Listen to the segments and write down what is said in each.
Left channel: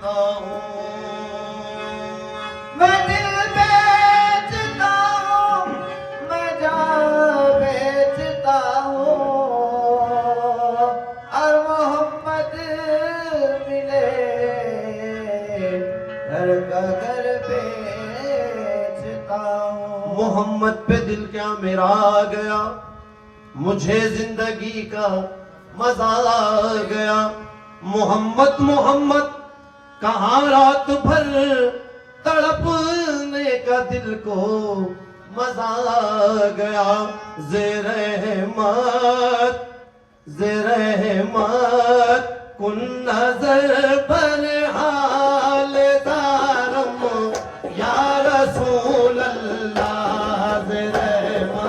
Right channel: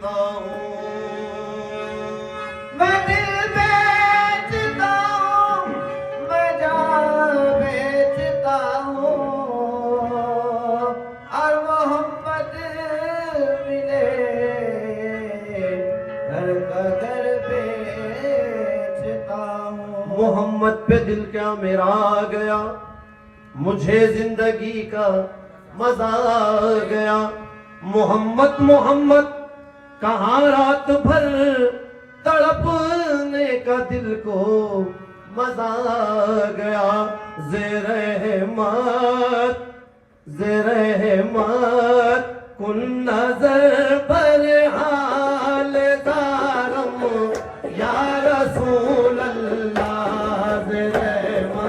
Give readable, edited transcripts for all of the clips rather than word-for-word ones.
बेचता हूँ, मैं दिल बेचता हूँ, मैं जान बेचता हूँ, और मोहम्मद मिले घर का घर बेचता हूँ। मोहम्मद पे दिल क्या मेरा आ गया, मुझे जिंदगी का मजा आ गया। मोहम्मद मोहम्मद कहाँ रात भर तड़पने का दिल को मजा आ गया। ज़ेर-ए-हिम्मत कुन नजर पर हाल दारम या रसूल अल्लाह। ज़ेर-ए-हिम्मत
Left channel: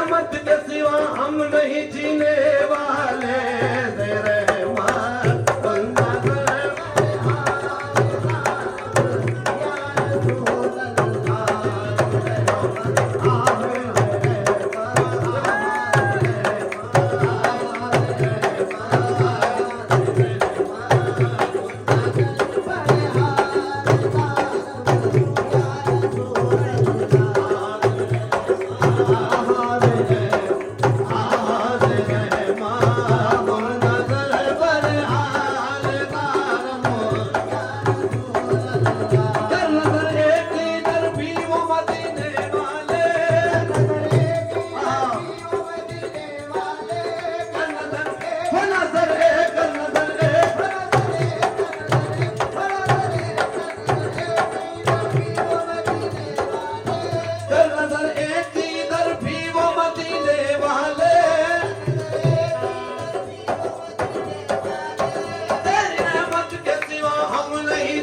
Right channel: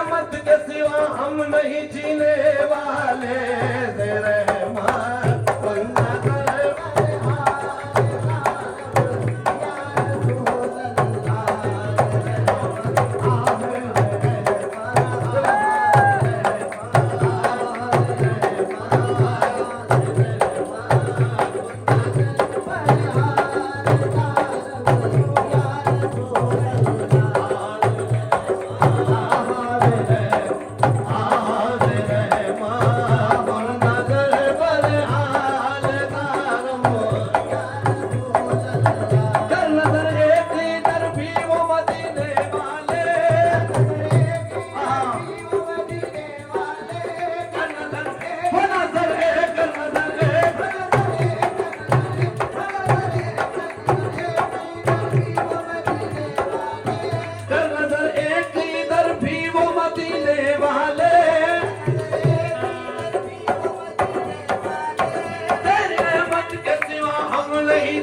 रहमत के सिवा हम नहीं जीने वाले, तेरे रहमत कुल नजर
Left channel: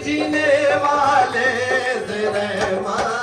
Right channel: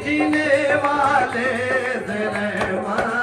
जीने वाले, तेरे रहमत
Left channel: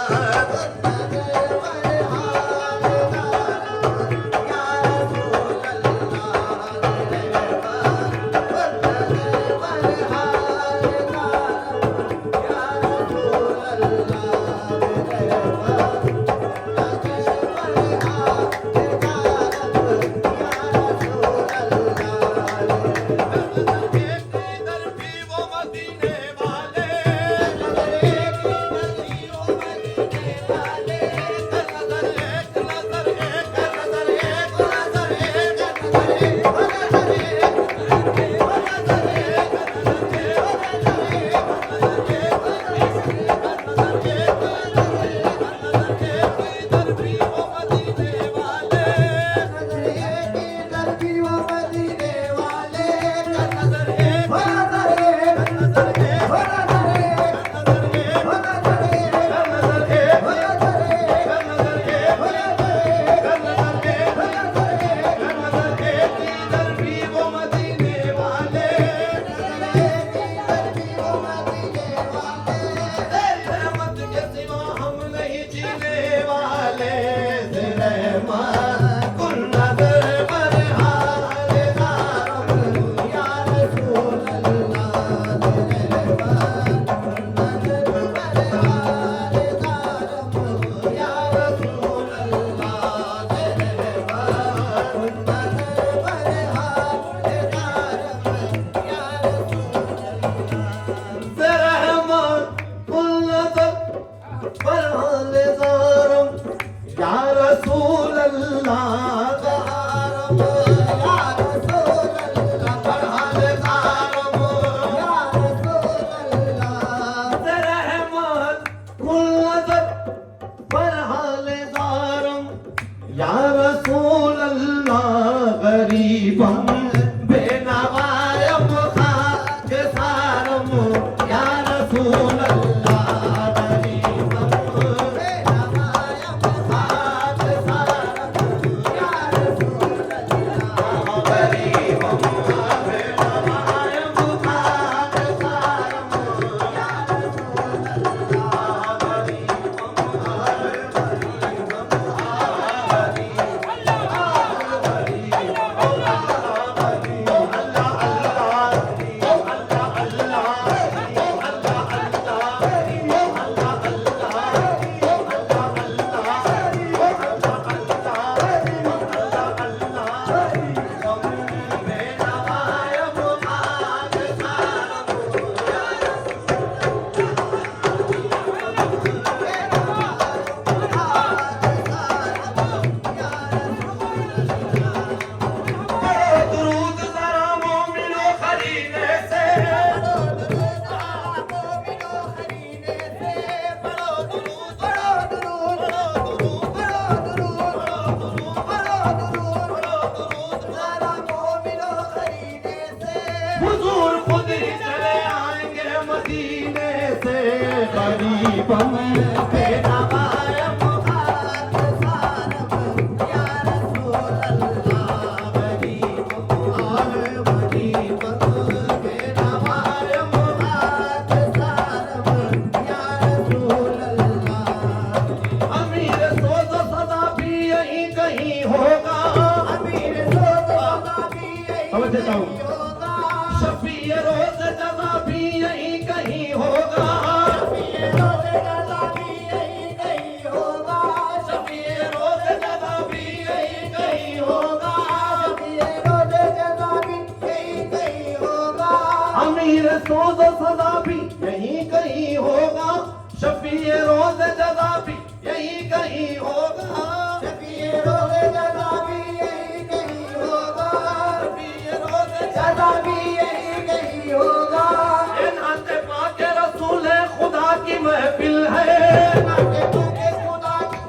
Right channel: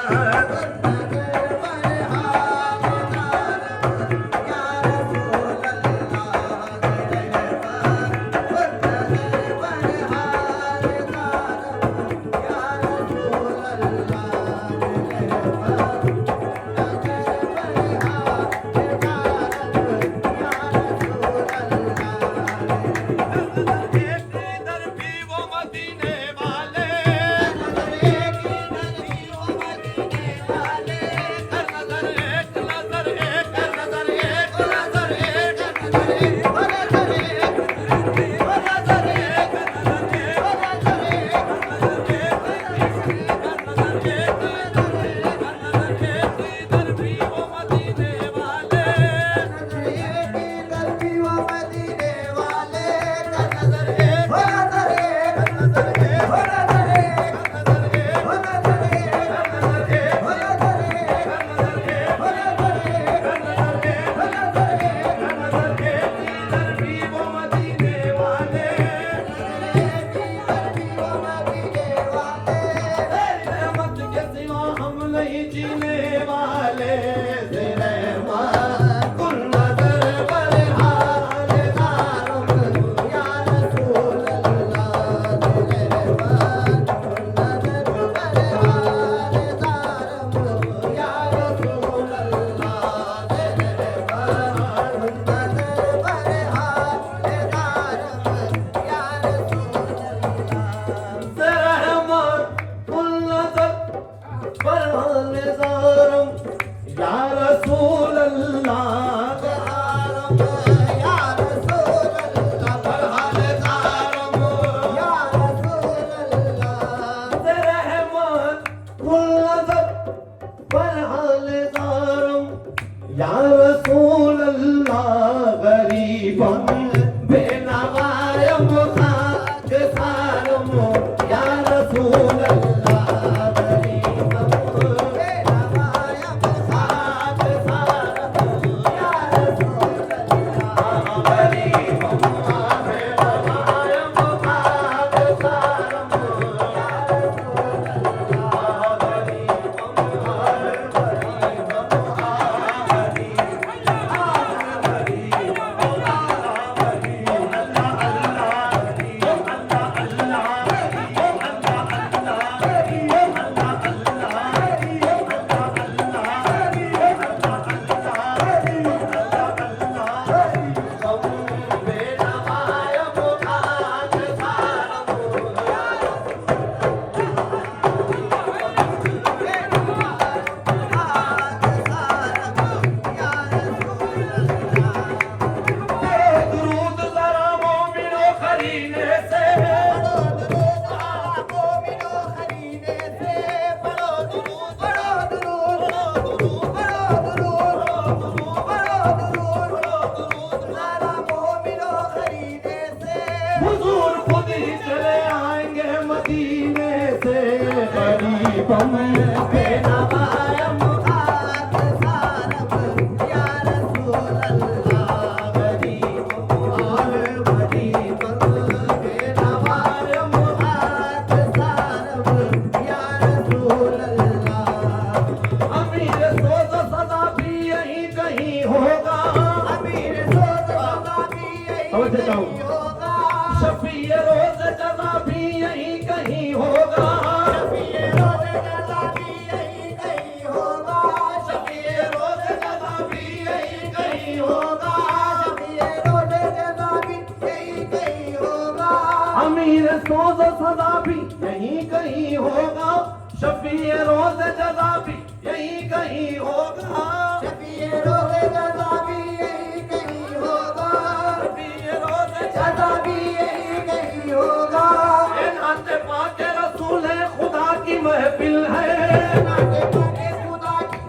या रसूल अल्लाह गरीबम बेनवायम खाकसारम या रसूल अल्लाह गरीबम बेनवायम खाकसारम या रसूल अल्लाह गरीबम बेनवायम खाकसारम या रसूल हुजूर खुद ही चले आएंगे मदीने से गरीबम बेनवायम खाकसारम या रसूल अल्लाह गरीबम बेनवायम खाकसारम या रसूल अल्लाह अमीर सोज़ो सदा भी यहीं कहीं देता हूँ शफी रोज जज़ा भी यहीं कहीं होगा शफी रोज जज़ा भी यहीं कहीं होगा शफी रोज जज़ा भी यहीं कहीं होगा अमीर सोज सदा भी यहीं कहीं होगा शफी रोज जज़ा भी यहीं कहीं होगा शफी रोज जज़ा भी यहीं कहीं होगा शफी रोज जज़ा भी यहीं कहीं होगा ये नाते पाके रसूल खुदा की महफिल है नाते पाके खुदा की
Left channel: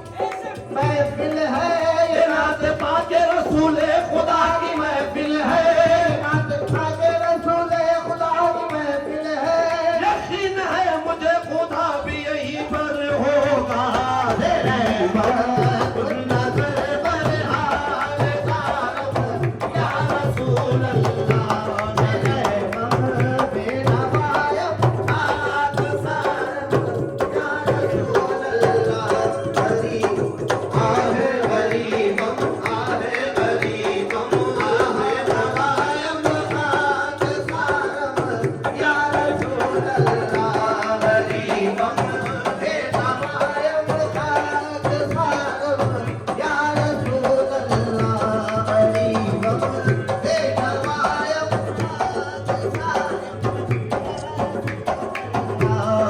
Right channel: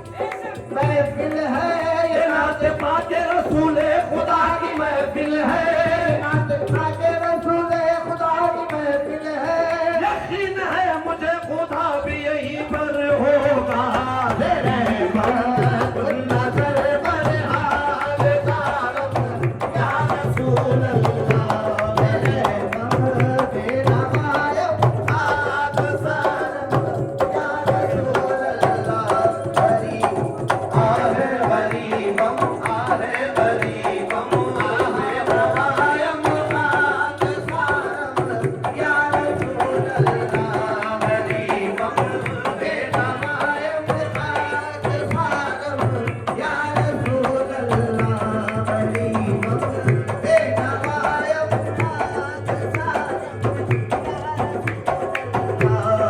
महफिल है ये नाते पाके रसूल खुदा की महफिल है नाते पाके रसूल खुदा की महफिल है यकीन है मुझे खुदा भी यहीं पर होगा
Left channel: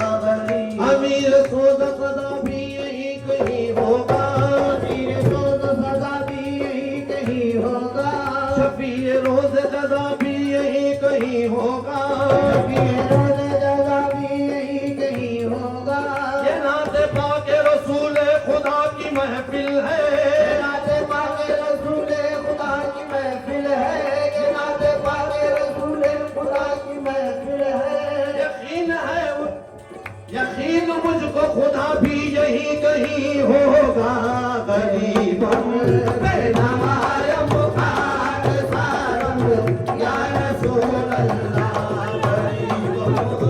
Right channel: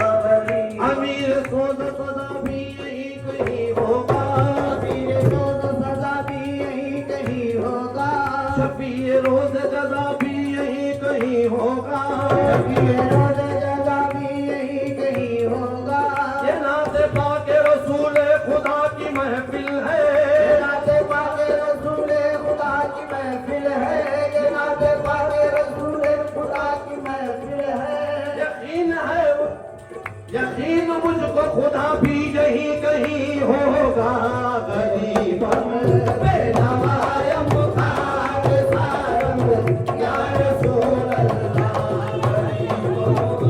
अमीर सोज सदा भी यहीं कहीं होगा अमीर सोज सदा भी यहीं कहीं होगा शफी रोज जज़ा भी यहीं कहीं होगा शफी रोज जज़ा भी यहीं कहीं होगा ये नाते पाके रसूल खुदा की महफिल है नाते पाके रसूल खुदा की महफिल है ये नाते पाके रसूल खुदा की महफिल है यकीन मुझको खुदा भी यहीं कहीं होगा गरीबम बेनवायम खाक सारम या रसूल अल्लाह गरीबम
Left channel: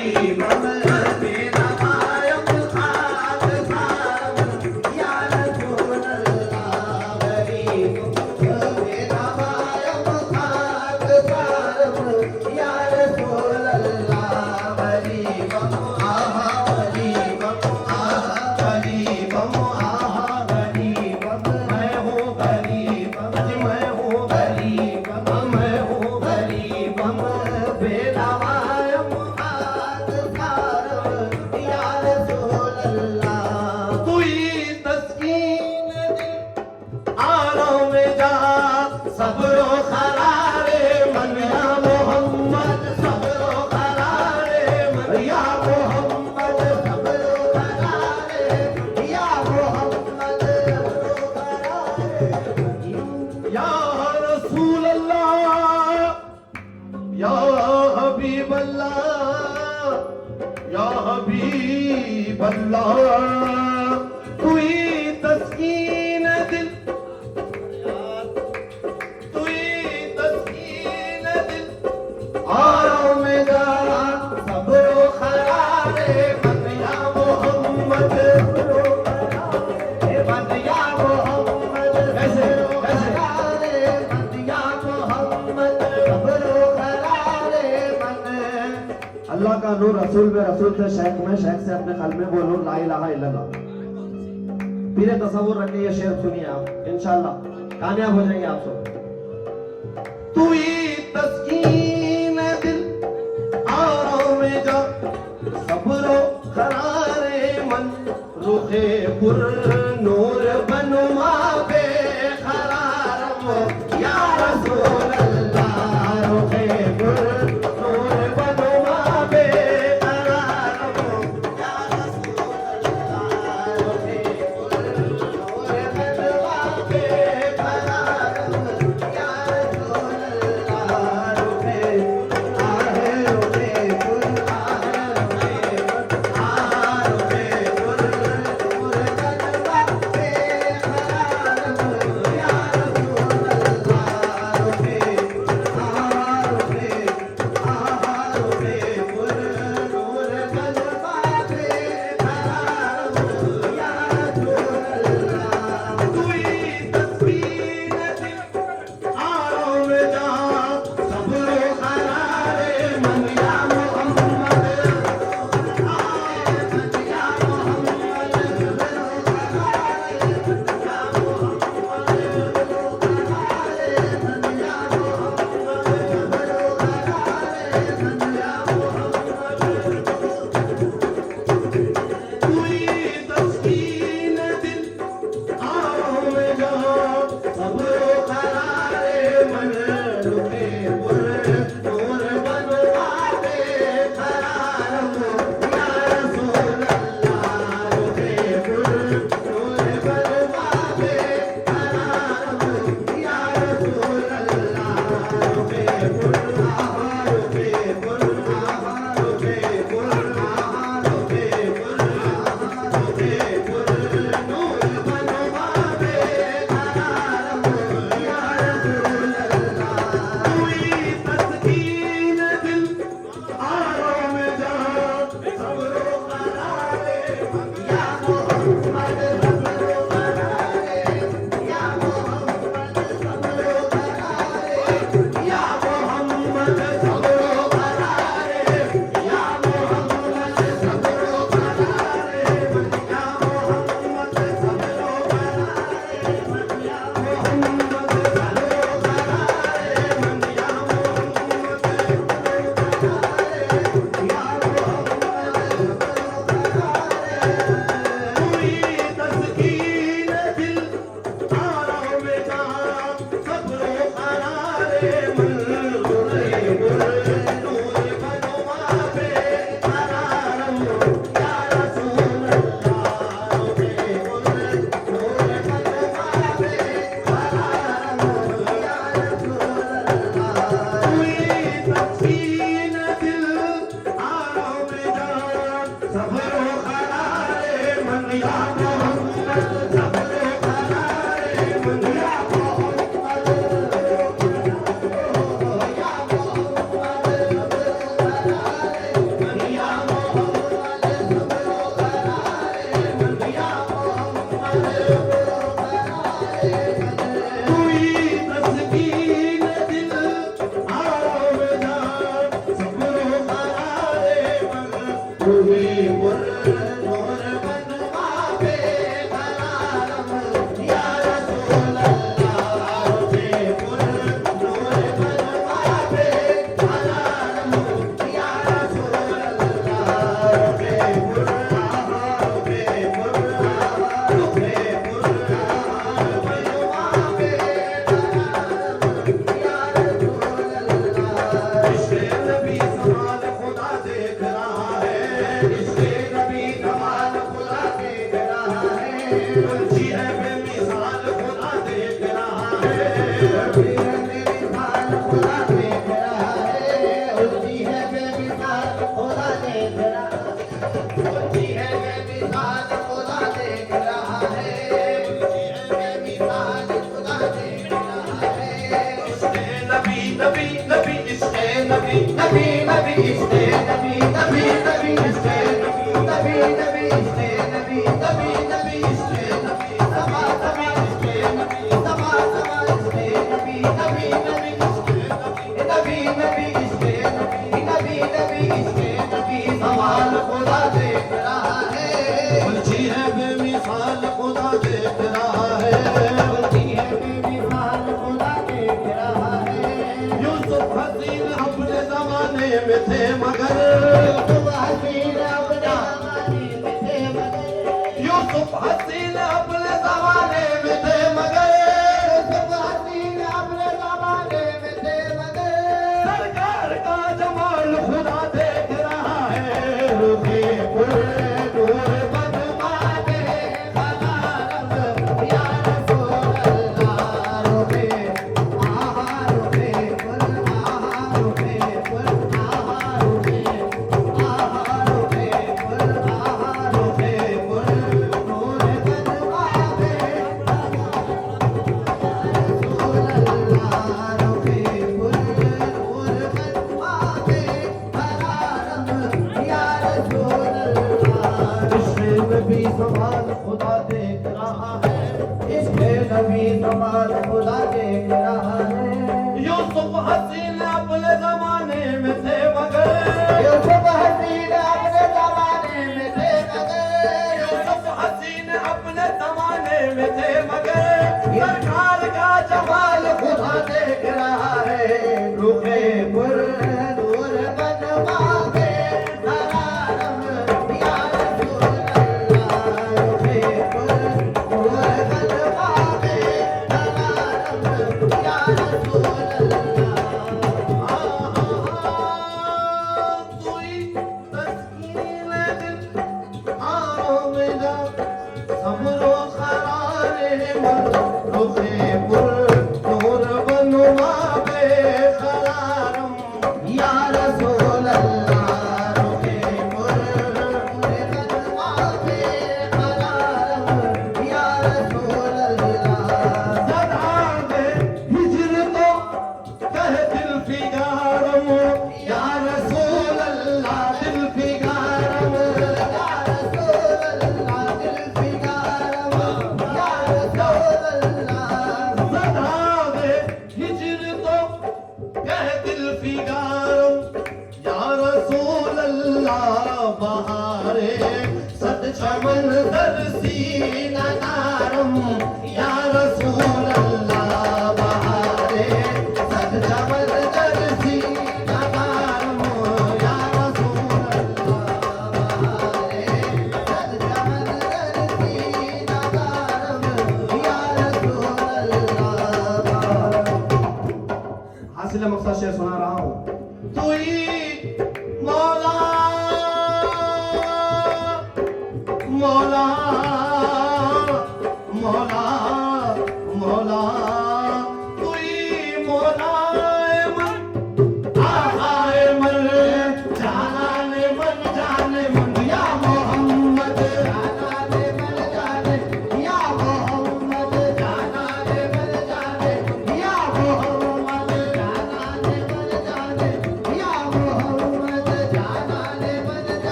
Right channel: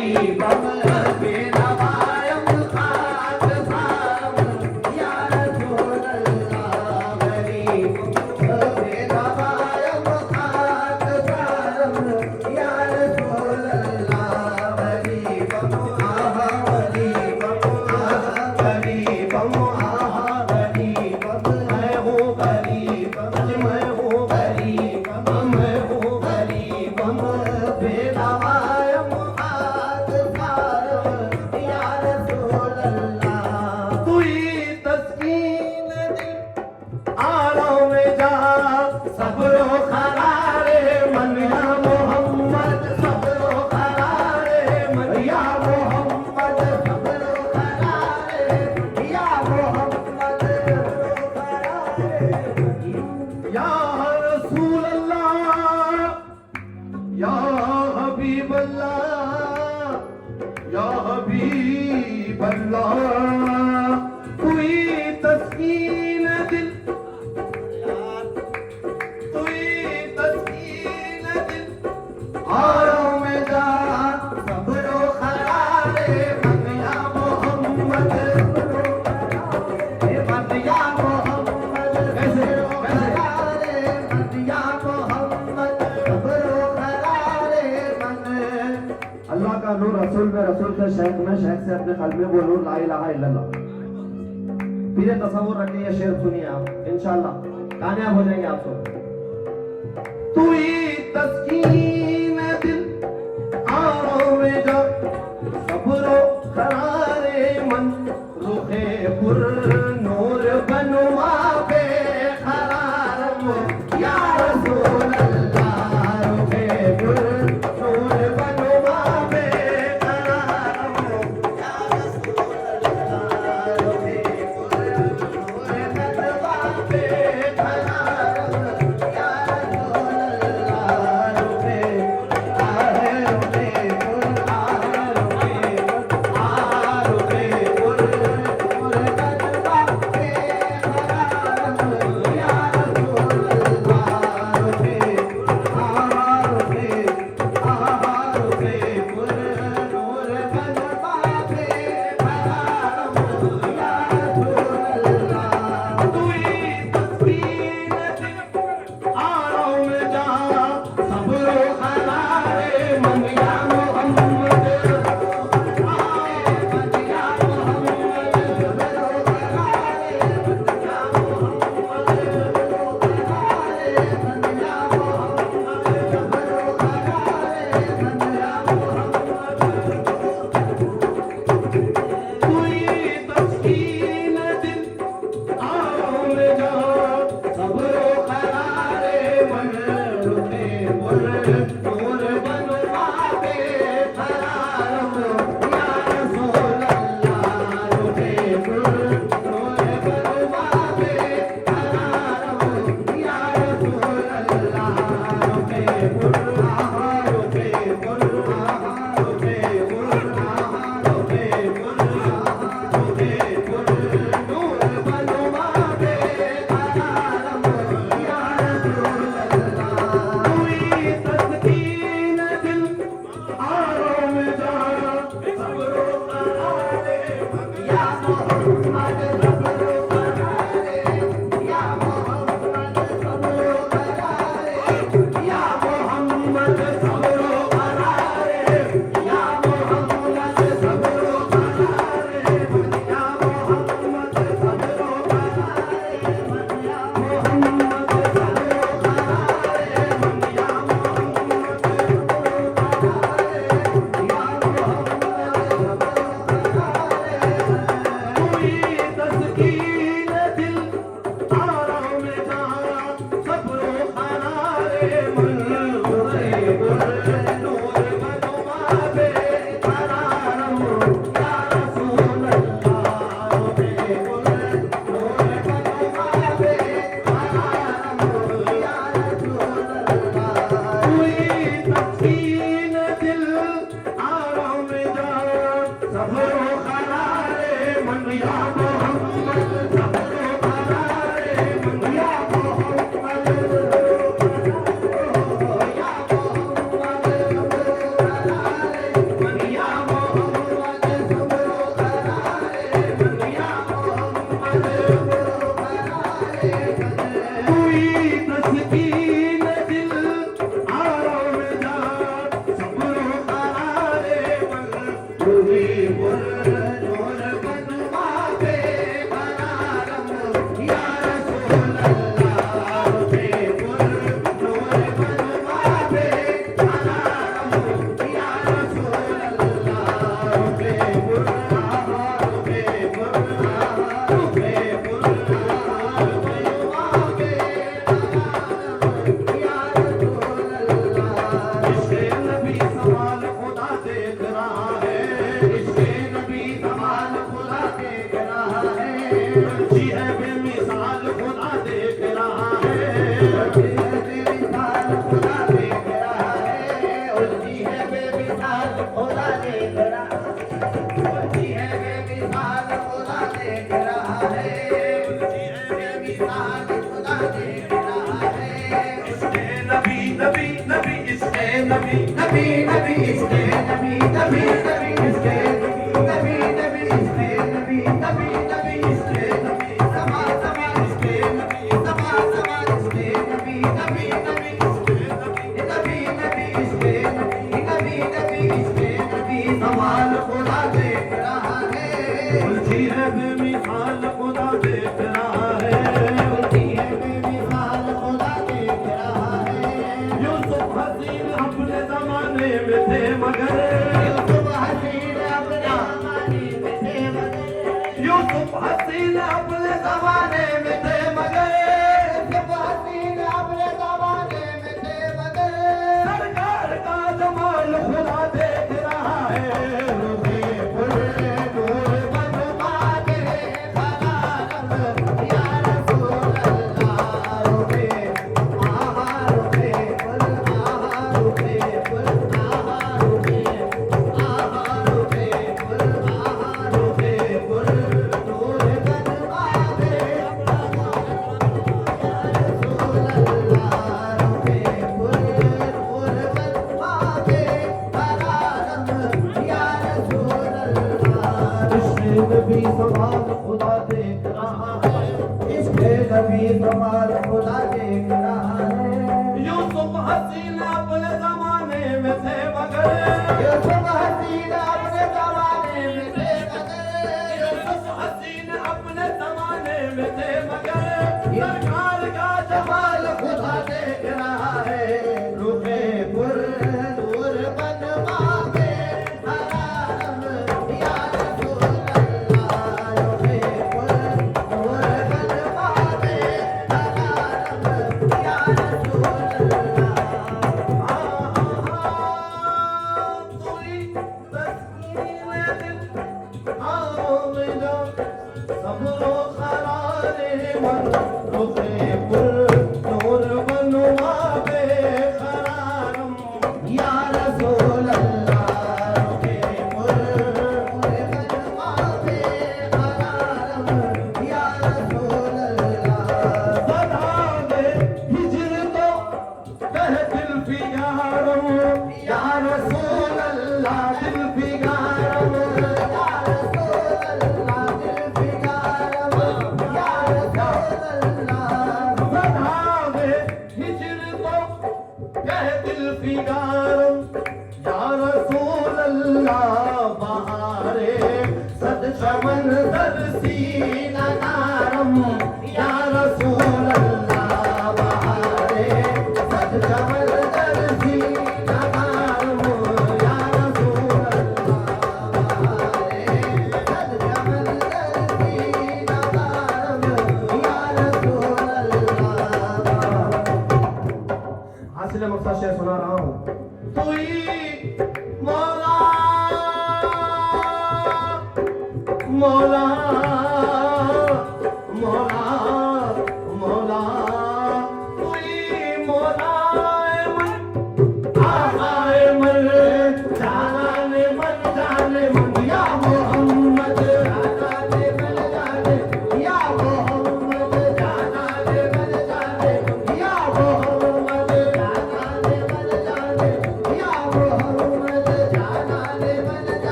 गरीबम बेनवायम खाक सारम या रसूल अल्लाह गरीबम बेनवायम खाक सारम या रसूल अल्लाह गरीबम आहा गरीबम आहा गरीबम मैं हूँ गरीबम मैं हूँ गरीबम मैं हूँ गरीबम बेनवायम खाक सारम या रसूल अल्लाह तू ही तस्कीन दिल आराम जा सबरो खरारे मन या मोहम्मद सबरो खरारे मन या मोहम्मद सबरो खरारे या मोहम्मद सबरो खरारे या रसूल अल्लाह या हबीब अल्लाह या हबीब अल्लाह तू ही तस्कीन दिल तू ही तस्कीन दिल आराम में जा सबरो खरारे मन या मोहम्मद सबरो खरारे मन या मोहम्मद कैसे खरारे मन या मोहम्मद सबरो खरारे मन अल्लाह का नूर रसूल में, रसूल से शेख में, शेख से अपने कल्ब में वो नूर ला इलाहा इल्लल्लाह। पीरे तसव्वुर रखिए, ये शेर सुनिए आप, इंशाअल्लाह कामयाब हो जाएंगे आप सब। तू ही तस्कीन दिल आराम में जा सबरो खरारे मन रुखे पुर नूर बनुमा बे खरारम या रसूल अल्लाह रुखे पुर नूर बनुमा बे खरारम या रसूल अल्लाह रुखे पुर नूर बनुमा बे खरारम या रसूल अल्लाह रुखे आहे रुखे पुर आहे रुखे पुर नूर बनुमा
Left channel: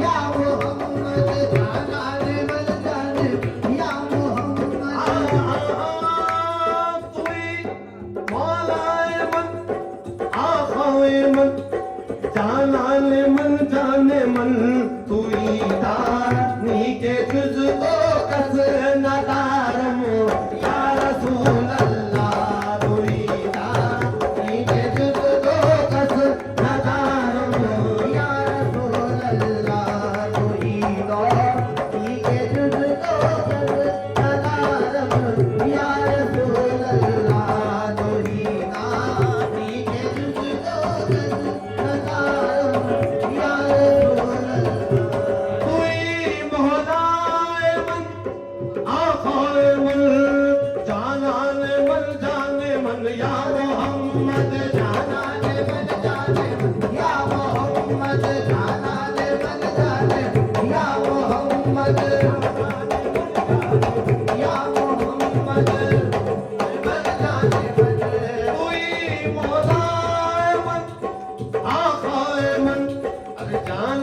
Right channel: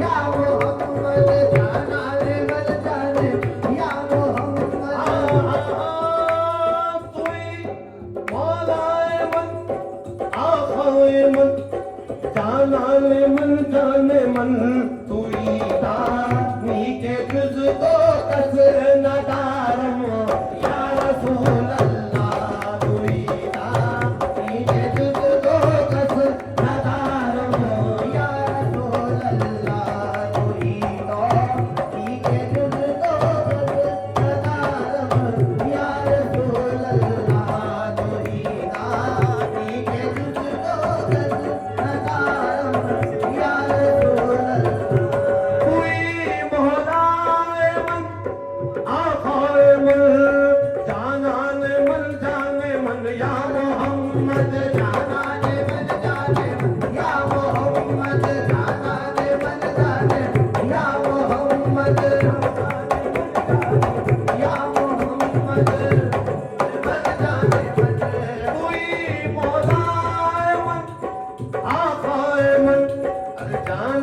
या मोहम्मद जाना रे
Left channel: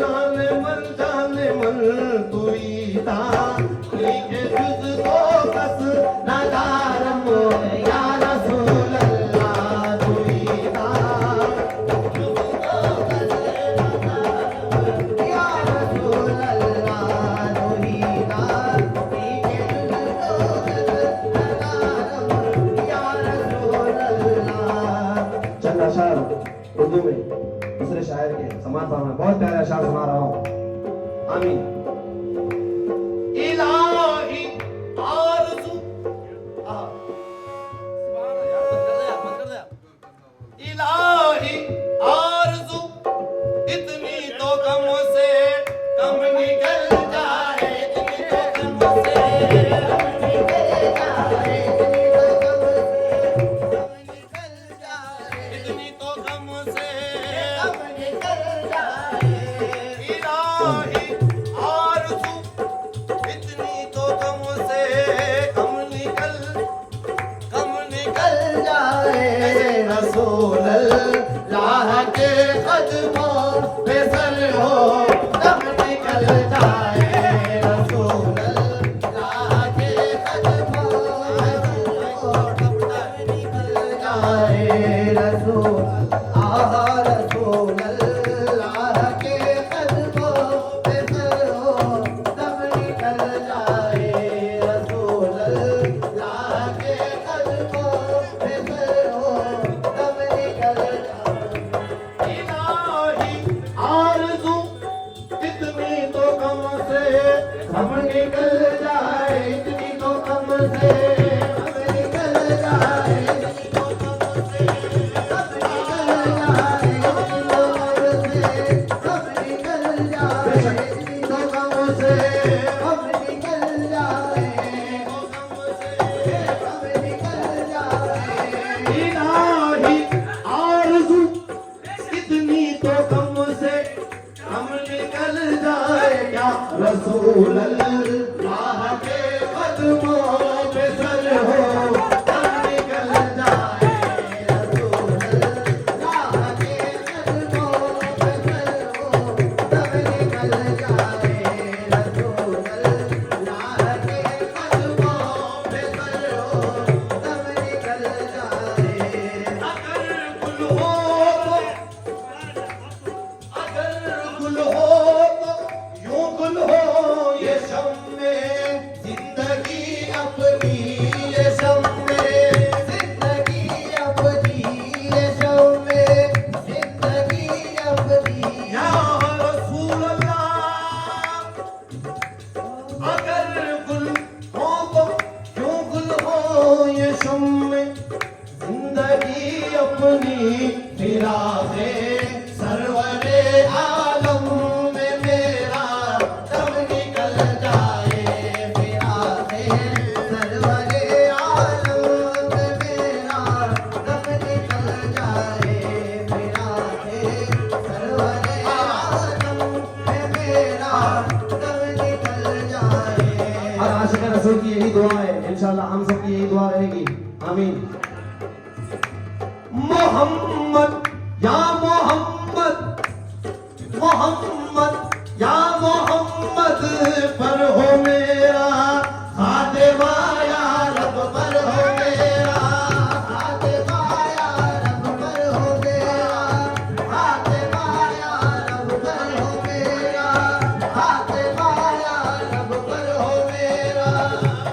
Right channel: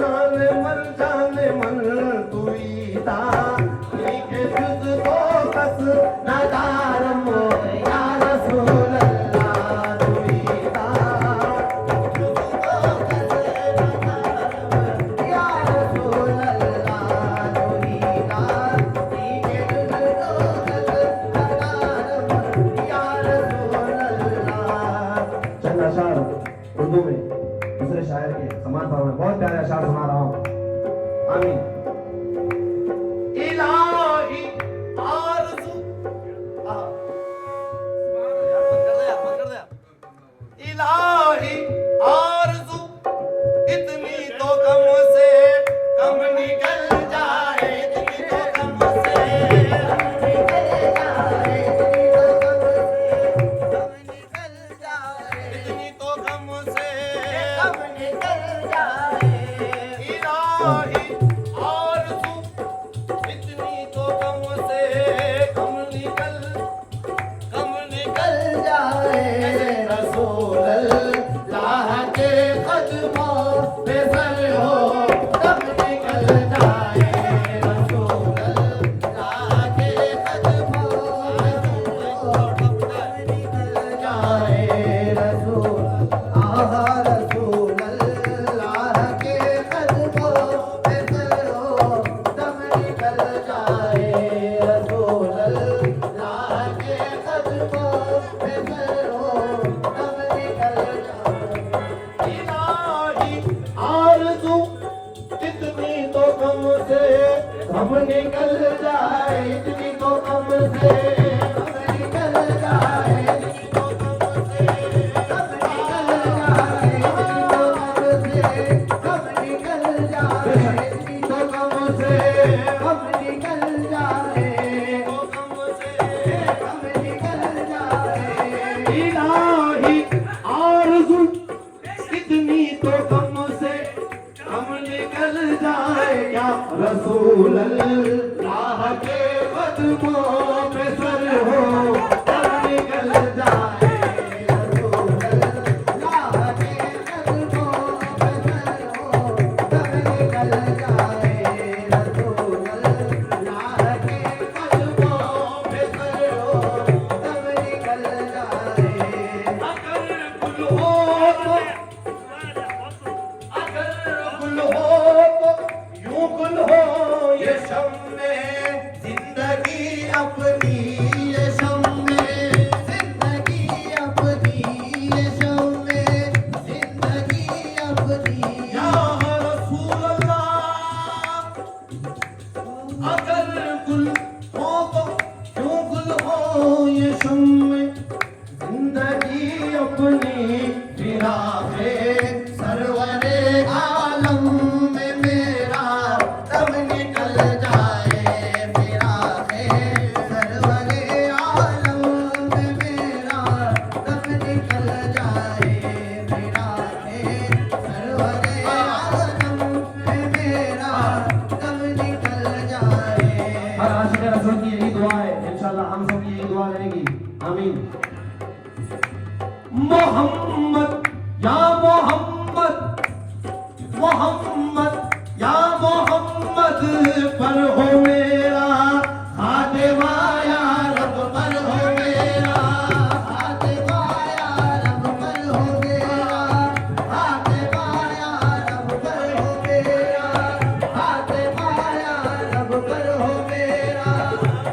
जाने मन तुई ता ठीक जुज तो कस नदारम या रसूल अल्लाह तुई ता जुज तो कस नदारम या रसूल अल्लाह तुई ता ठीक जुज तो कस नदारम या रसूल अल्लाह। चंद अशार उर्दू में दूसरे शायर के समान भाव में बहुत प्यारे अशार सुना रहा हूँ। आमीन। इलाही आरज़ू इलाही आरज़ू इतनी तो कम से कम निकल जाए, इतनी तो कम से कम निकल जाए, इतनी तो कम से कम निकल जाए, इतनी तो कम से कम निकल जाए। इलाही आरज़ू इतनी तो कम से कम निकल जाए। रसूल अल्लाह के कदमों पे सर हो तब निकल जाए। रसूल अल्लाह के कदमों पे सर हो तब निकल जाए। रसूल अल्लाह के कदमों पे सर हो तब निकल जाए। रसूल अल्लाह के कदमों पे सर हो तब निकल जाए। इलाही आरज़ू इतनी तो कम से कम निकल जाए, इतनी तो कम से कम निकल जाए, इतनी तो कम से कम निकल जाए, इतनी तो कम से कम निकल जाए, इतनी तो कम से कम निकल जाए, तो कम से कम निकल जाए। इलाही आरज़ू इतनी तो कम से कम निकल जाए। क्या रसूल अल्लाह के कदमों पे सर हो तब निकल जाए। रसूल अल्लाह के कदमों पे सर हो तब निकल जाए। रसूल अल्लाह के कदमों पे सर हो तब निकल जाए। अगर गुल हो तो यूं गुल हो ये शम्मे जिंदगी अपनी, ये शम्मे जिंदगी अपनी, ये शम्मे जिंदगी अपनी। या रसूल अल्लाह अगर गुल हो तो यूं गुल हो ये शम्मे जिंदगी अपनी। फिराक़े सरवरे आलम में मेरा तब निकल जाए। फिराक़े सरवरे आलम में मेरा तब निकल जाए। फिराक़े सरवरे आलम में मेरा तब निकल जाए। हर आशिक रसूल की यही दुआ है, इंशाल्लाह हम सब की यही दुआ रहेगी। आमीन। मोहम्मद या मोहम्मद, मोहम्मद या मोहम्मद पर हो मेरा खातिमा, या रब पर हो मेरा खातिमा, या रब पर हो मेरा खातिमा, या रब पर हो मेरा खातिमा, या रब पर हो मेरा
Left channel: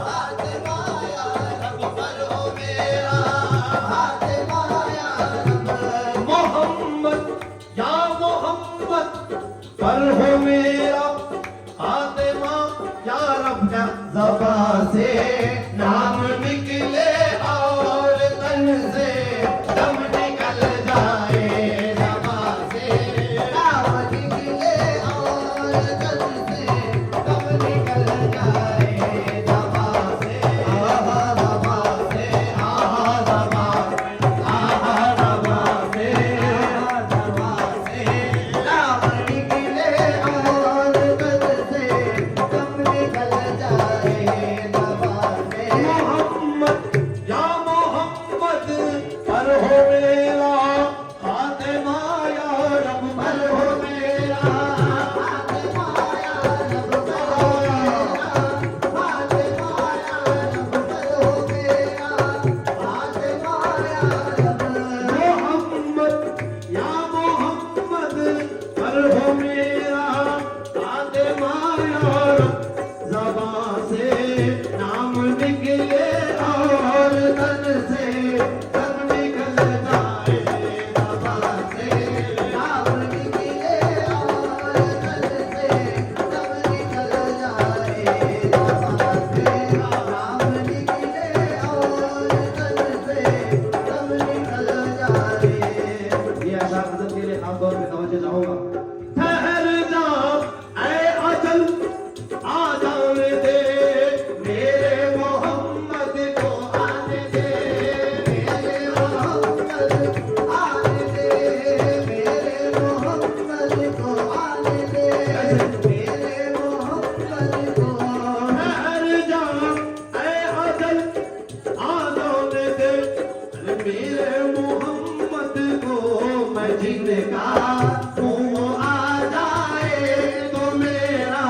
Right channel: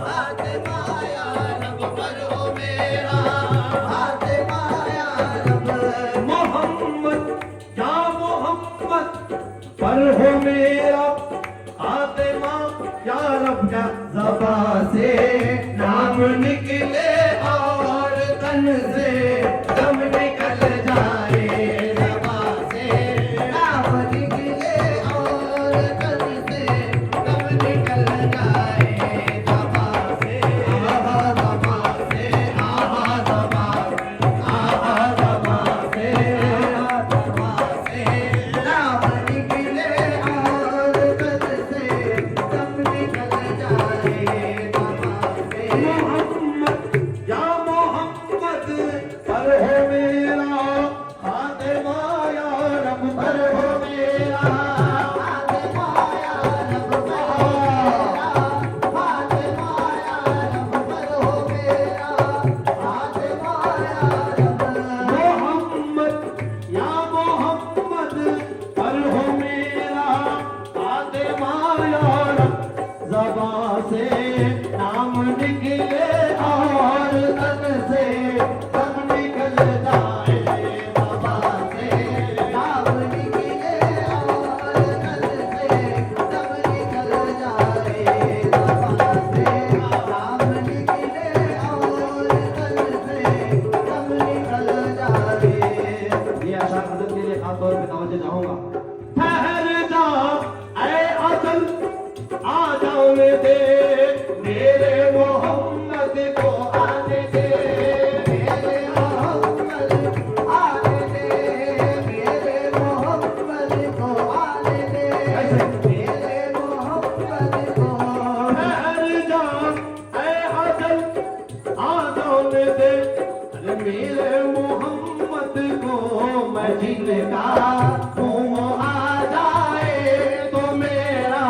खातिमा, या रब पर हो मेरा खातिमा, या रब। मोहम्मद या मोहम्मद पर हो मेरा खातिमा, या रब का ज़बां से नाम निकले और तन से दम निकल जाए। ज़बां से नाम निकले और तन से दम निकल जाए। ज़बां से आहा, ज़बां से आहा, ज़बां आहा, ज़बां से आहा, ज़बां से नाम निकले और तन से दम निकल जाए। ज़बां से मोहम्मद मेरे मोहम्मद को ठहर जा ऐ अजल आ जाने दे मेरे मोहम्मद को मदीने का घूम आ जाए तो मेरा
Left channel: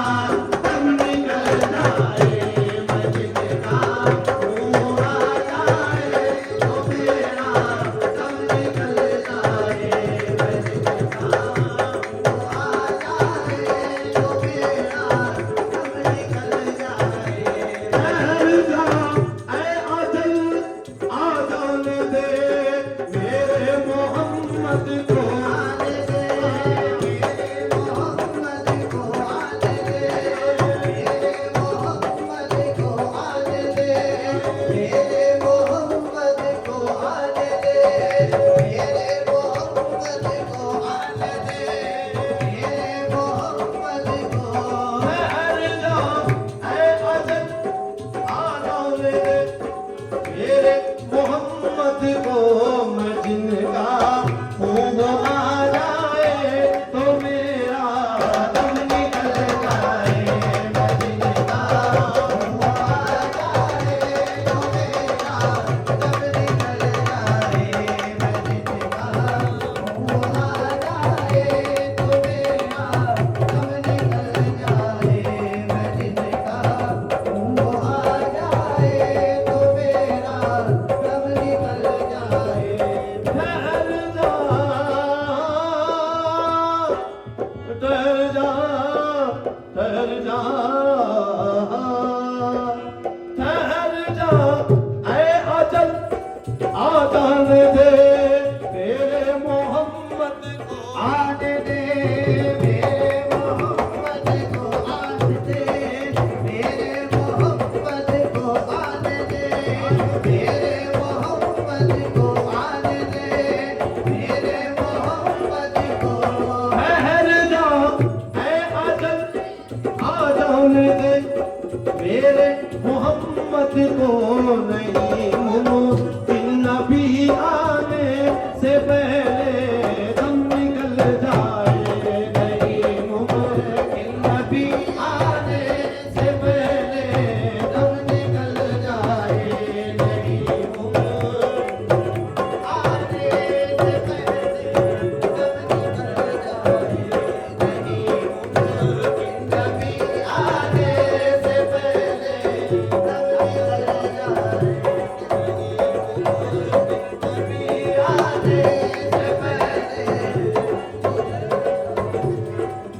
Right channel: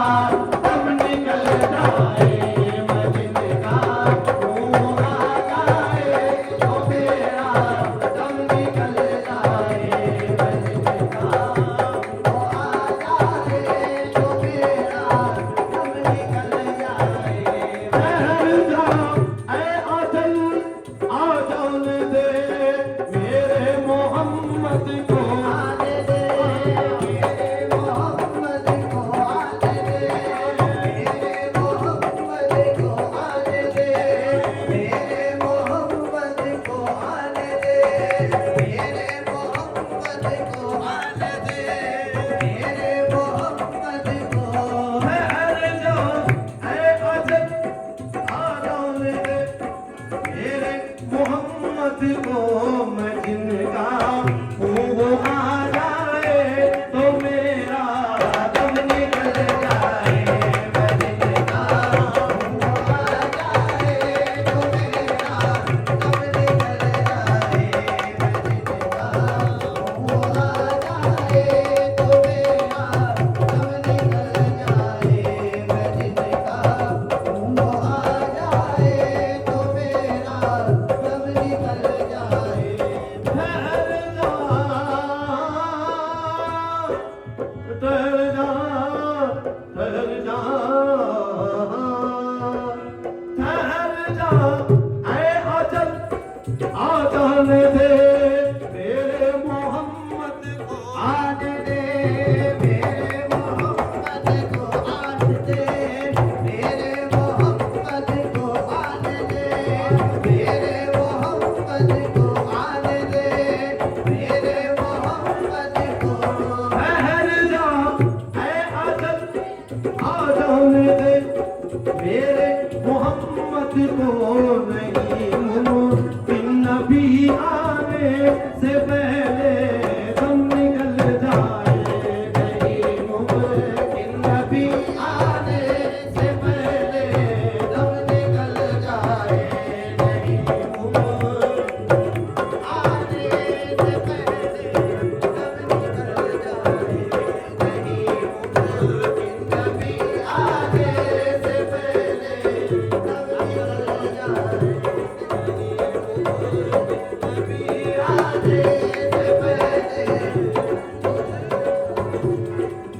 दम निकल जाए मदीने का घूम आ जाए तो मेरा दम निकल जाए मदीने का ठहर जा ऐ अजल आ जाने दे मेरे मोहम्मद को ठहर जा ऐ अजल आ जाने दे मेरे मोहम्मद को मैं जिनका हूँ वो आ जाए तो मेरा दम निकल जाए मैं जिनका हूँ वो आ जाए तो मेरा दम निकल जाए मैं जिनका हूँ वो आ जाए तो मेरा दम निकल जाए मैं जिनका हूँ वो आ जाए तो मेरा दम निकल जाए ठहर जा ठहर जा ठहर जा ठहर जा ऐ अजल आ जाने दे मेरे मोहम्मद को आने दे मेरे मोहम्मद को आने दे मेरे मोहम्मद को आने दे मेरे मोहम्मद को आने दे मेरे मोहम्मद को ठहर जा ऐ अजल आ जाने दे मेरे मोहम्मद को नहीं मुमकिन नबी आने से पहले दम निकल जाए नहीं मुमकिन नबी आने से पहले दम निकल जाए नहीं मुमकिन आने से पहले दम निकल जाए नहीं मुमकिन नबी आने से पहले दम निकल जाए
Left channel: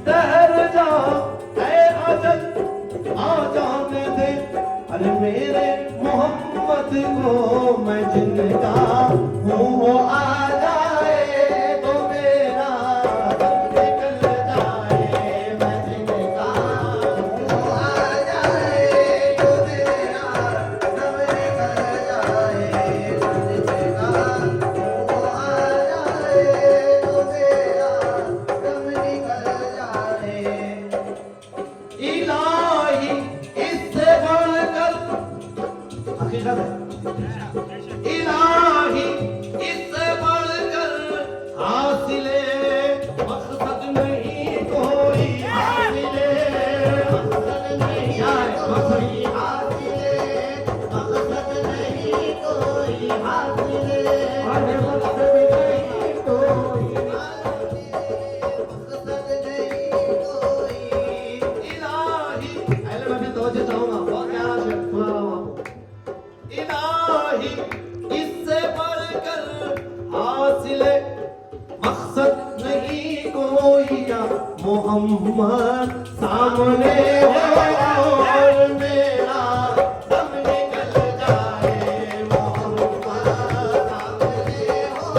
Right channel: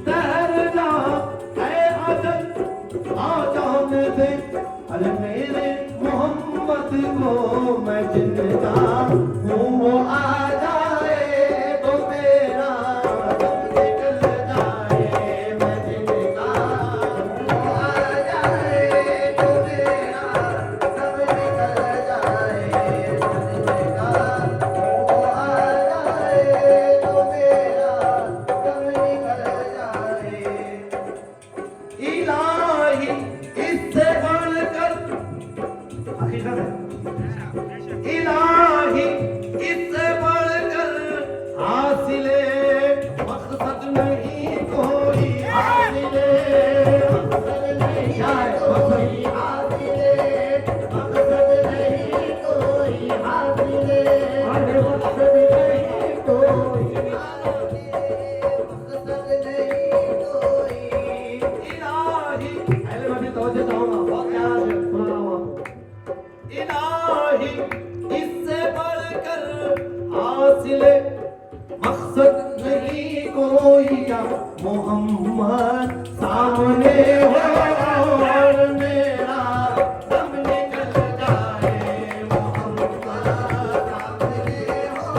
ठहर जा ऐ अजल आ जाने दे अरे मेरे मोहम्मद को मैं जिनका हूँ वो आ जाए तो मेरा दम निकल जाए मैं जिनका हूँ वो आ जाए तो मेरा दम निकल जाए जिनका हूँ वो आ जाए तो मेरा दम निकल जाए इलाही इससे बढ़कर हकीकत है इलाही इससे बढ़कर हासिले मकसद नहीं कोई हासिले मकसद नहीं कोई हासिले मकसद नहीं कोई हासिले मकसद नहीं कोई मकसद नहीं कोई इलाही पहले मैं भी तवज्जो चाहूंगा बहुत प्यारा शेर सुना रहा हूं आपको इलाही इससे बढ़कर हासिले मकसद नहीं कोई क्या मोहम्मद सामने हो और मेरा दम निकल जाए मोहम्मद सामने हो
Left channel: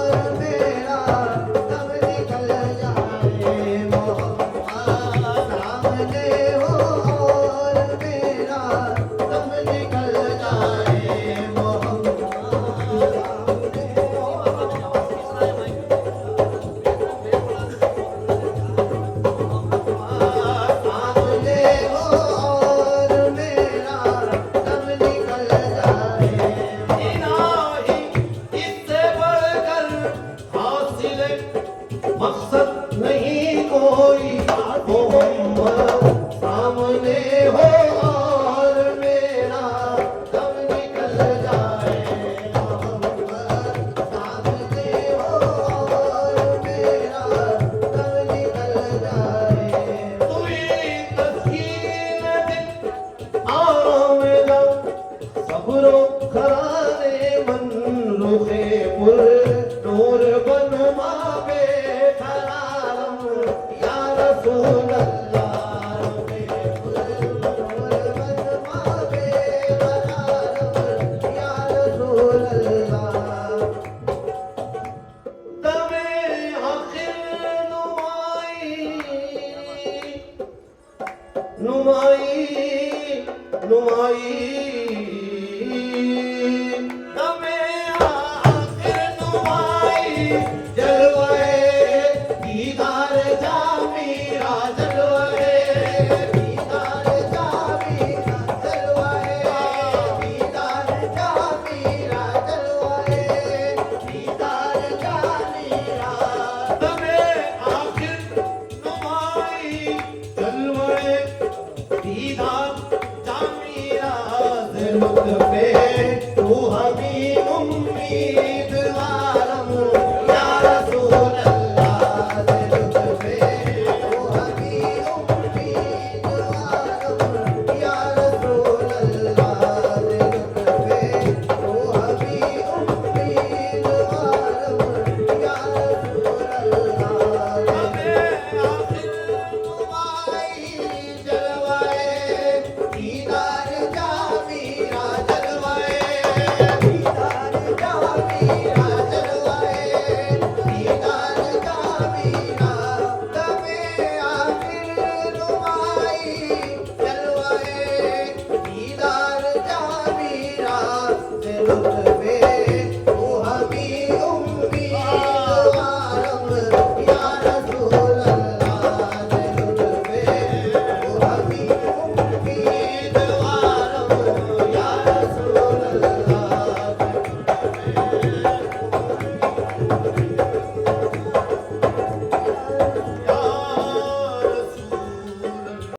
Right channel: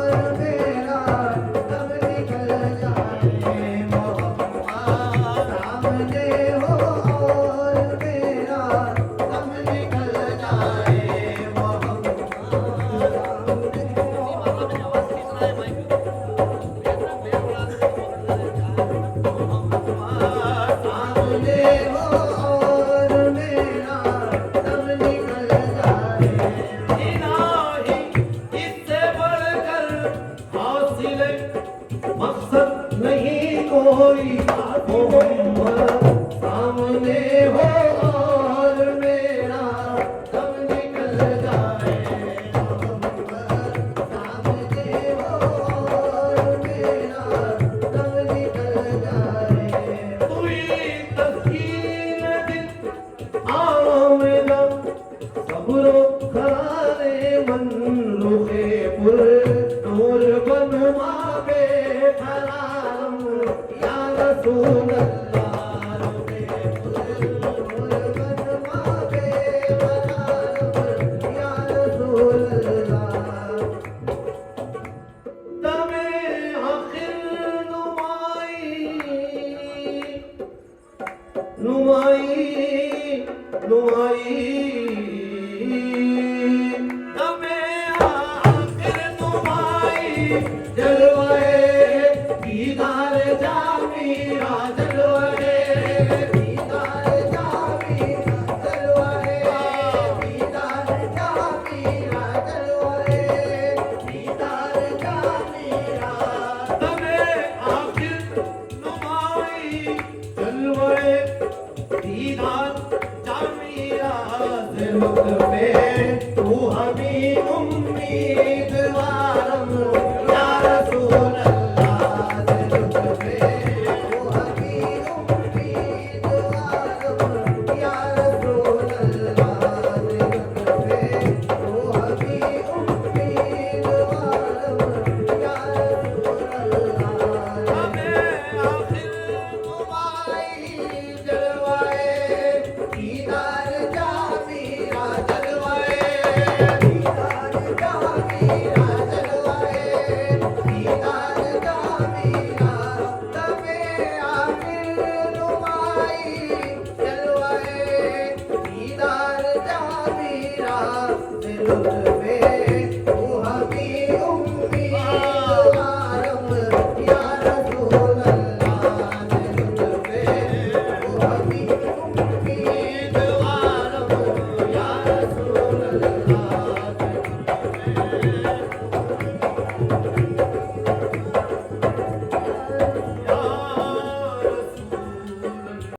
और मेरा दम निकल जाए मोहम्मद सामने हो और मेरा दम निकल जाए मोहम्मद सामने हो रसूल अल्लाह दमे आखिर नुमाई